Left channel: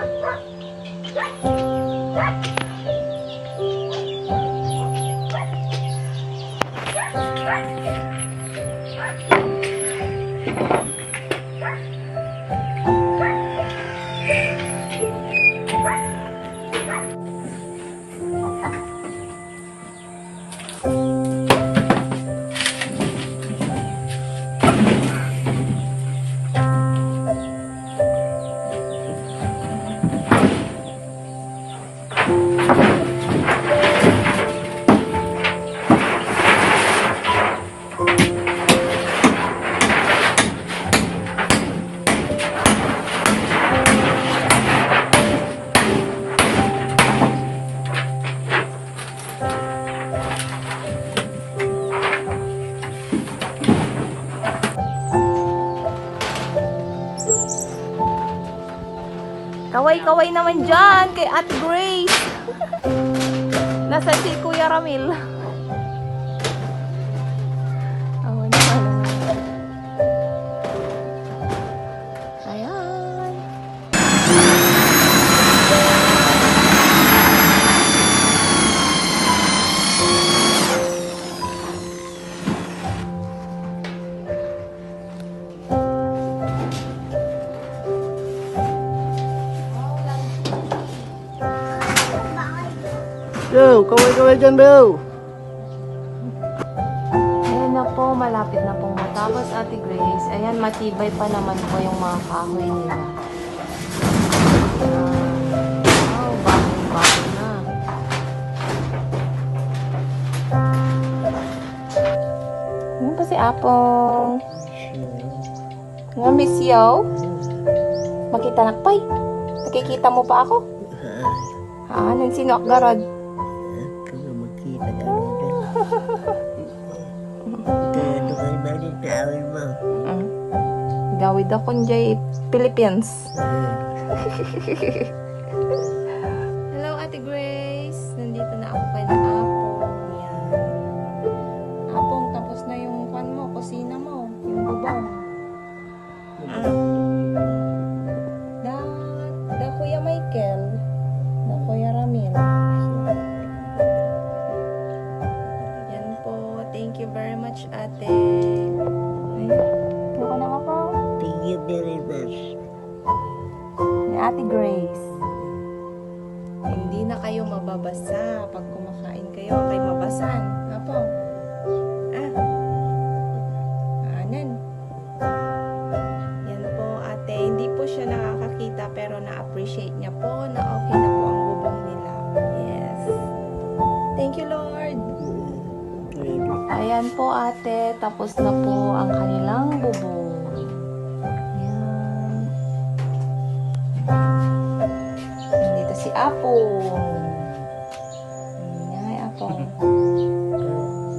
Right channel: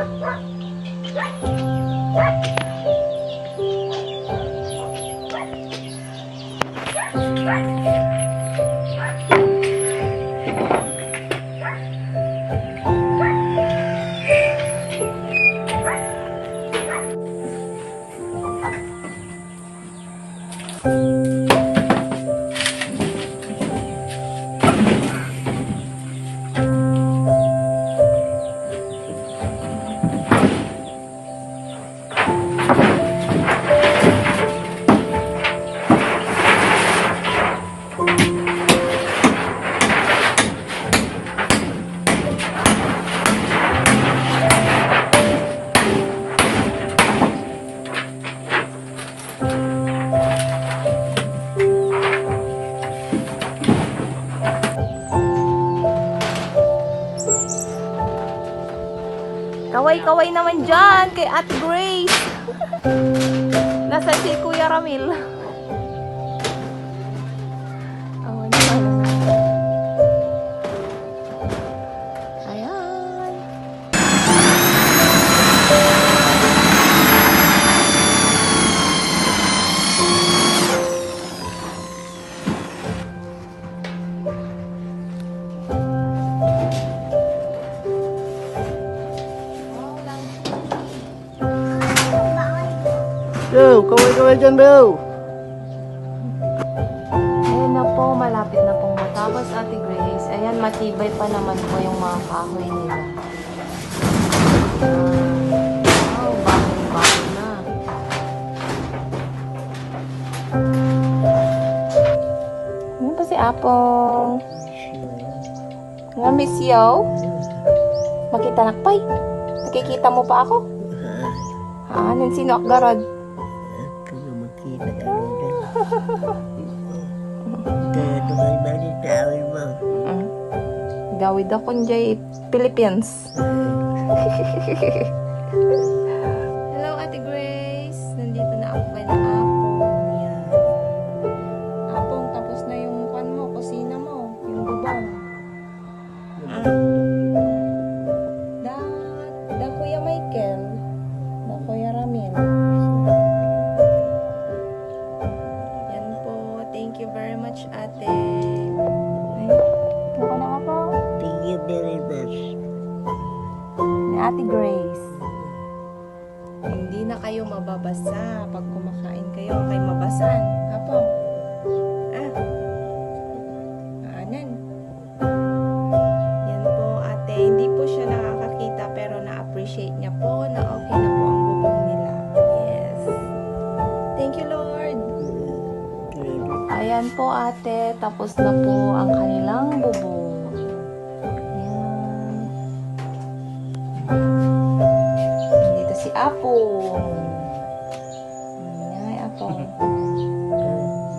Thank you. Kaway-kaway naman dyan kay Ate Grace. Nasa si Kuya Ramil. Yo, kaway-kaway dyan, Bel. Ayan na po, malapit na pong matapos Ate Grace. Ayan, matibay pa naman po yung mga kahoy nila. Ayan. Wow, bagong-bago na. Ayan pa si Apong. Nga, Miss Yo. Makita nakpay. Nakikita mo pa ako? Ha? Nang sino akgarod? Kaya magkita ka rin. Kaya doon balik na awin mo. Mm. Gawid ako njay Philippines. Hello, Ate Grace. Nandito na ako kay na Apong. Yan. Apong, tapos na yung kwan mo, kusina mo, yung bubong. Da, much, ate. Ay, buka na ka po. Thank you very much. Ni Ate Grace. Hindi na kayo mababasa pag kumakain kayo. Kay mabasan. Apo. Ah. Anan. Yan po, ate. Hindi po siya nakakakita pero na-appreciate niya po na okay na po ang bubong nila. Yes. Thank you, Lord. Ayan po, ate. Tapos na po ang kanilang bubong. Ayan. Nandito si Apong. Ay, Apong.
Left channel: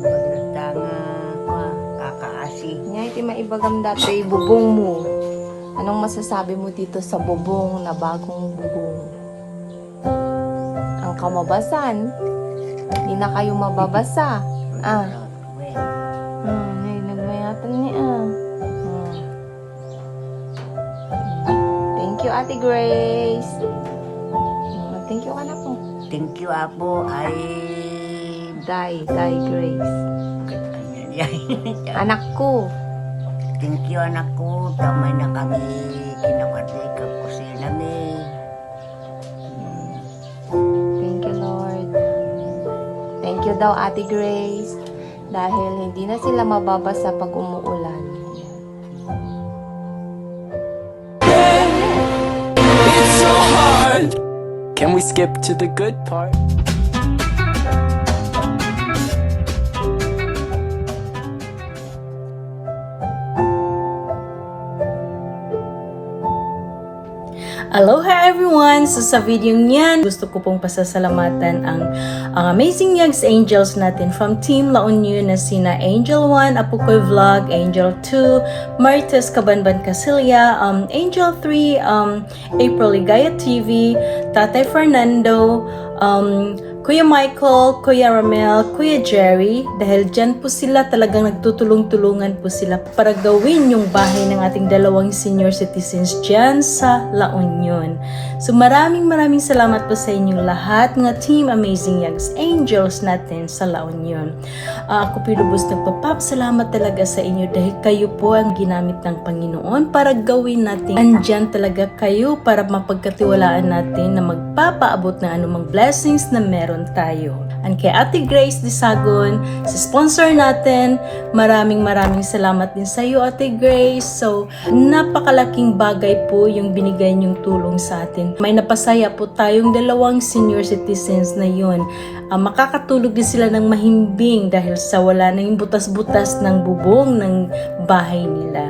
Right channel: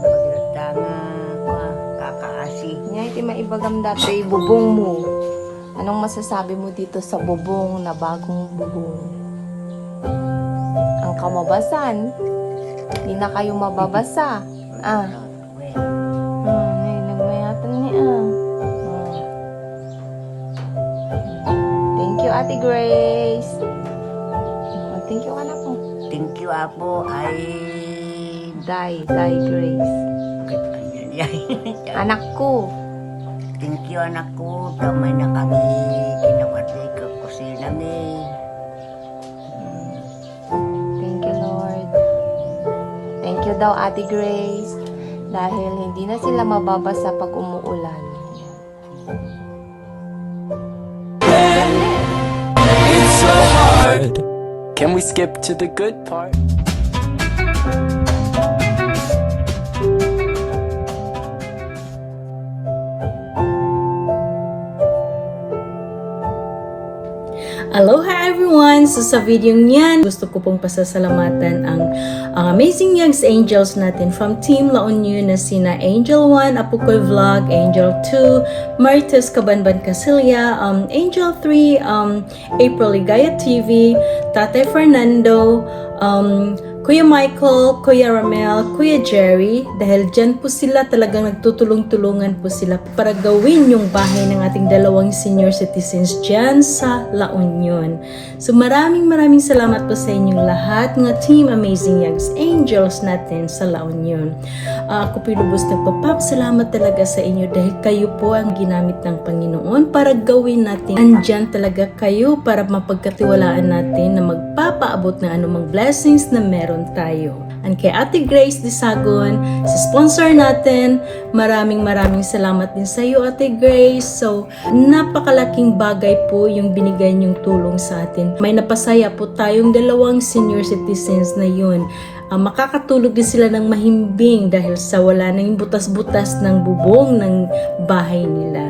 Maglatanga ko, kakaasi. Ngay, ti maibagam dati bubong mo. Anong masasabi mo dito sa bubong na bagong bubong? Ang kamabasan. Hindi na kayo mababasa. Ah. Ate Grace. Hmm, Thank you ka na po. Thank you, Apo. Ay... Die, die, Grace. Ayan. Anak ko. Thank you, anak ko. Tamay na kami kinakatay ka kusina mi. Thank you, Lord. Thank you daw, Ate Grace. Dahil hindi na sila mababasa pag umuulan. Can we skip to the good part? Aloha everyone! So sa video niyan, gusto ko pong pasasalamatan ang, ang Amazing Yogs Angels natin from Team La Union na sina Angel 1, Apukoy Vlog, Angel 2, Marites Kabanban Casilia, um, Angel 3, um, April Ligaya TV, Tatay Fernando, um, Kuya Michael, Kuya Ramel, Kuya Jerry, dahil dyan po sila talagang nagtutulong-tulungan po sila para gawin yung bahay ng ating dalawang senior citizens dyan sa La Union. So maraming maraming salamat po sa inyong lahat, mga Team Amazing Youngs Angels natin sa La Union. Ah, ako po lubos nagpapap, salamat talaga sa inyo dahil kayo po ang ginamit ng Panginoon para gawin natin. Andyan talaga kayo para mapagkatiwalaan natin na magpapaabot ng anumang blessings na meron tayo. And kay Ate Grace Disagon, sa sponsor natin, maraming maraming salamat din sa iyo Ate Grace. So, napakalaking bagay po yung binigay niyong tulong sa atin. May napasaya po tayong dalawang senior citizens na yun. Ah, makakatulog din sila ng mahimbing dahil sa wala na yung butas-butas ng bubong ng bahay nila.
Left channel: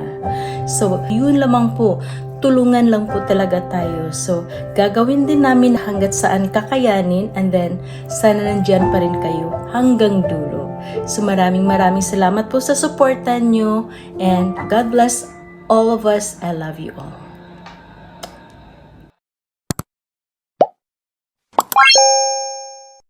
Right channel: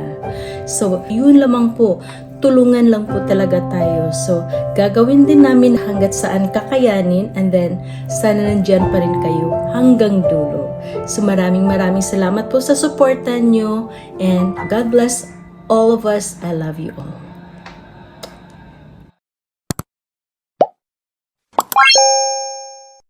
So, yun lamang po tulungan lang po talaga tayo. So, gagawin din namin hanggat saan kakayanin and then sana nandyan pa rin kayo hanggang dulo. So, maraming maraming salamat po sa suporta nyo and God bless all of us. I love you all.